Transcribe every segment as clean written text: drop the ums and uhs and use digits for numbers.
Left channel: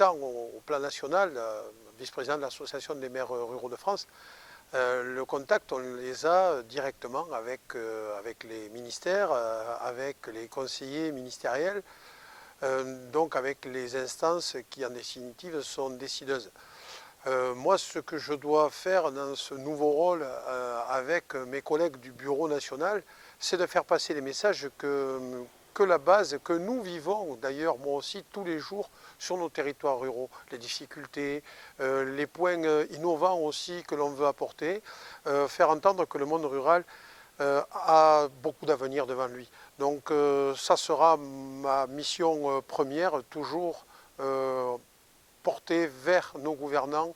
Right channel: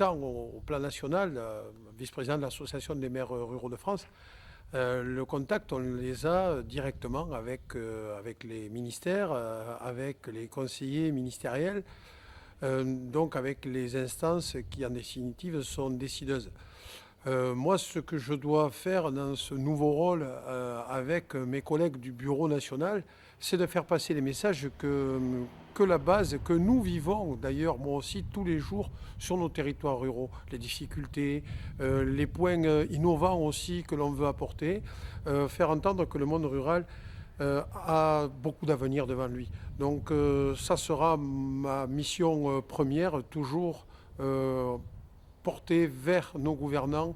tant au plan national, vice-président de l'Association des maires ruraux de France, le contact, on les a directement avec les ministères, avec les conseillers ministériels, donc avec les instances qui en définitive sont décideuses. Moi, ce que je dois faire dans ce nouveau rôle avec mes collègues du bureau national, c'est de faire passer les messages que la base, que nous vivons d'ailleurs, moi aussi, tous les jours sur nos territoires ruraux. Les difficultés, les points innovants aussi que l'on veut apporter, faire entendre que le monde rural a beaucoup d'avenir devant lui. Donc ça sera ma mission première, toujours porter vers nos gouvernants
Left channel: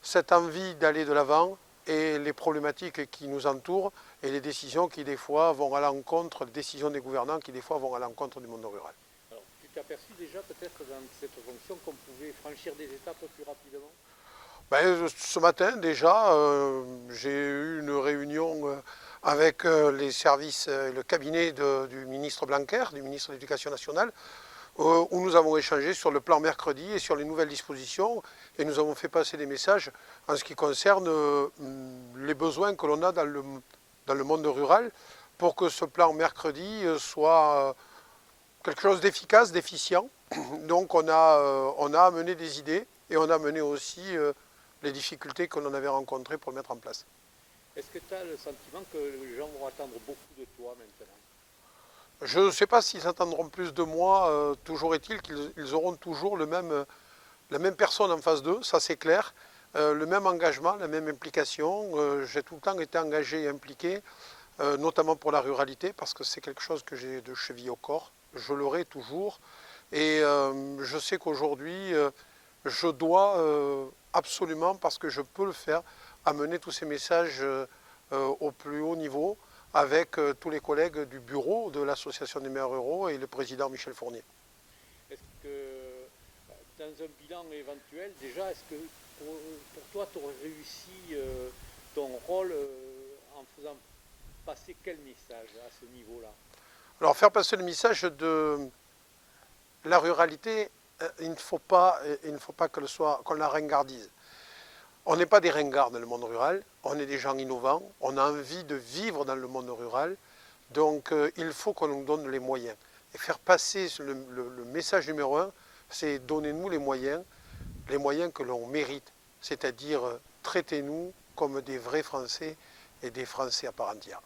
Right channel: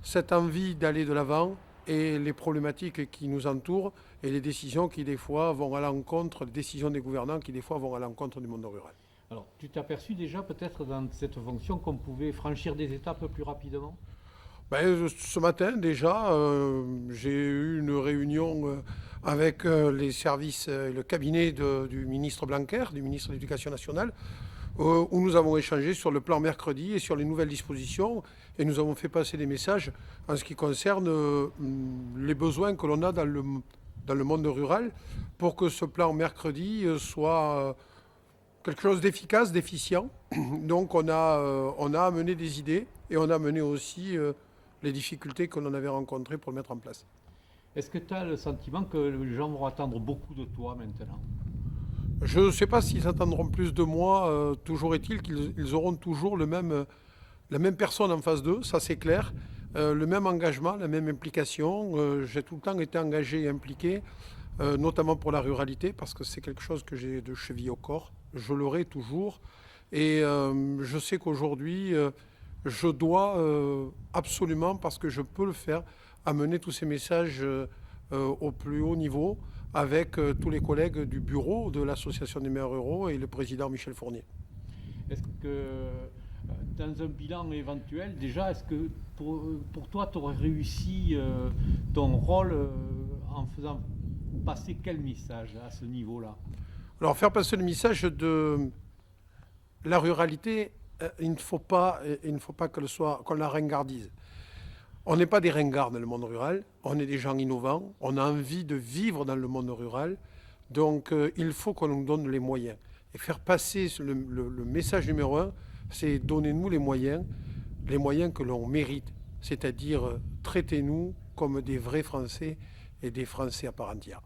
cette envie d'aller de l'avant et les problématiques qui nous entourent et les décisions qui des fois vont à l'encontre, les décisions des gouvernants qui des fois vont à l'encontre du monde rural. Alors, tu t'es aperçu déjà peut-être dans cette fonction qu'on pouvait franchir des étapes plus rapidement? Ce matin déjà, j'ai eu une réunion avec les services, le cabinet du ministre Blanquer, du ministre de l'Éducation nationale, où nous avons échangé sur le plan mercredi et sur les nouvelles dispositions et nous avons fait passer des messages en ce qui concerne les besoins que l'on a dans le monde rural pour que ce plan mercredi soit quelque chose d'efficace, d'efficient. Donc on a amené des idées et on a amené aussi les difficultés que l'on avait rencontrées pour le mettre en place. Est-ce que tu as le sentiment que les gens vont attendre beaucoup de toi maintenant? Je ne sais pas s'ils attendront plus de moi, toujours est-il qu'ils auront toujours la même personne en face d'eux, ça c'est clair, le même engagement, la même implication. J'ai tout le temps été engagé et impliqué, notamment pour la ruralité, parce que c'est quelque chose que j'ai de cheville au corps, je l'aurai toujours. Et je sais qu'aujourd'hui, je dois absolument, parce que je peux le faire, amener tous ces messages au plus haut niveau, avec tous les collègues du bureau de l'Association des maires ruraux et le président Michel Fournier. Est-ce que dans un bilan éventuel, déjà, est-ce que pour toi, tu aurais réussi ton rôle en faisant passer quel message à ce niveau-là? Alors faire passer le message de la ruralité, il ne faut pas qu'on la ringardise. On n'est pas des ringards dans le monde rural, on est des gens innovants, on a envie de vivre dans le monde rural, donc il faut qu'on nous donne les moyens. Et faire passer le message numéro un, c'est donnez-nous les moyens que l'on mérite, c'est-à-dire traitez-nous comme des vrais Français et des Français à part entière.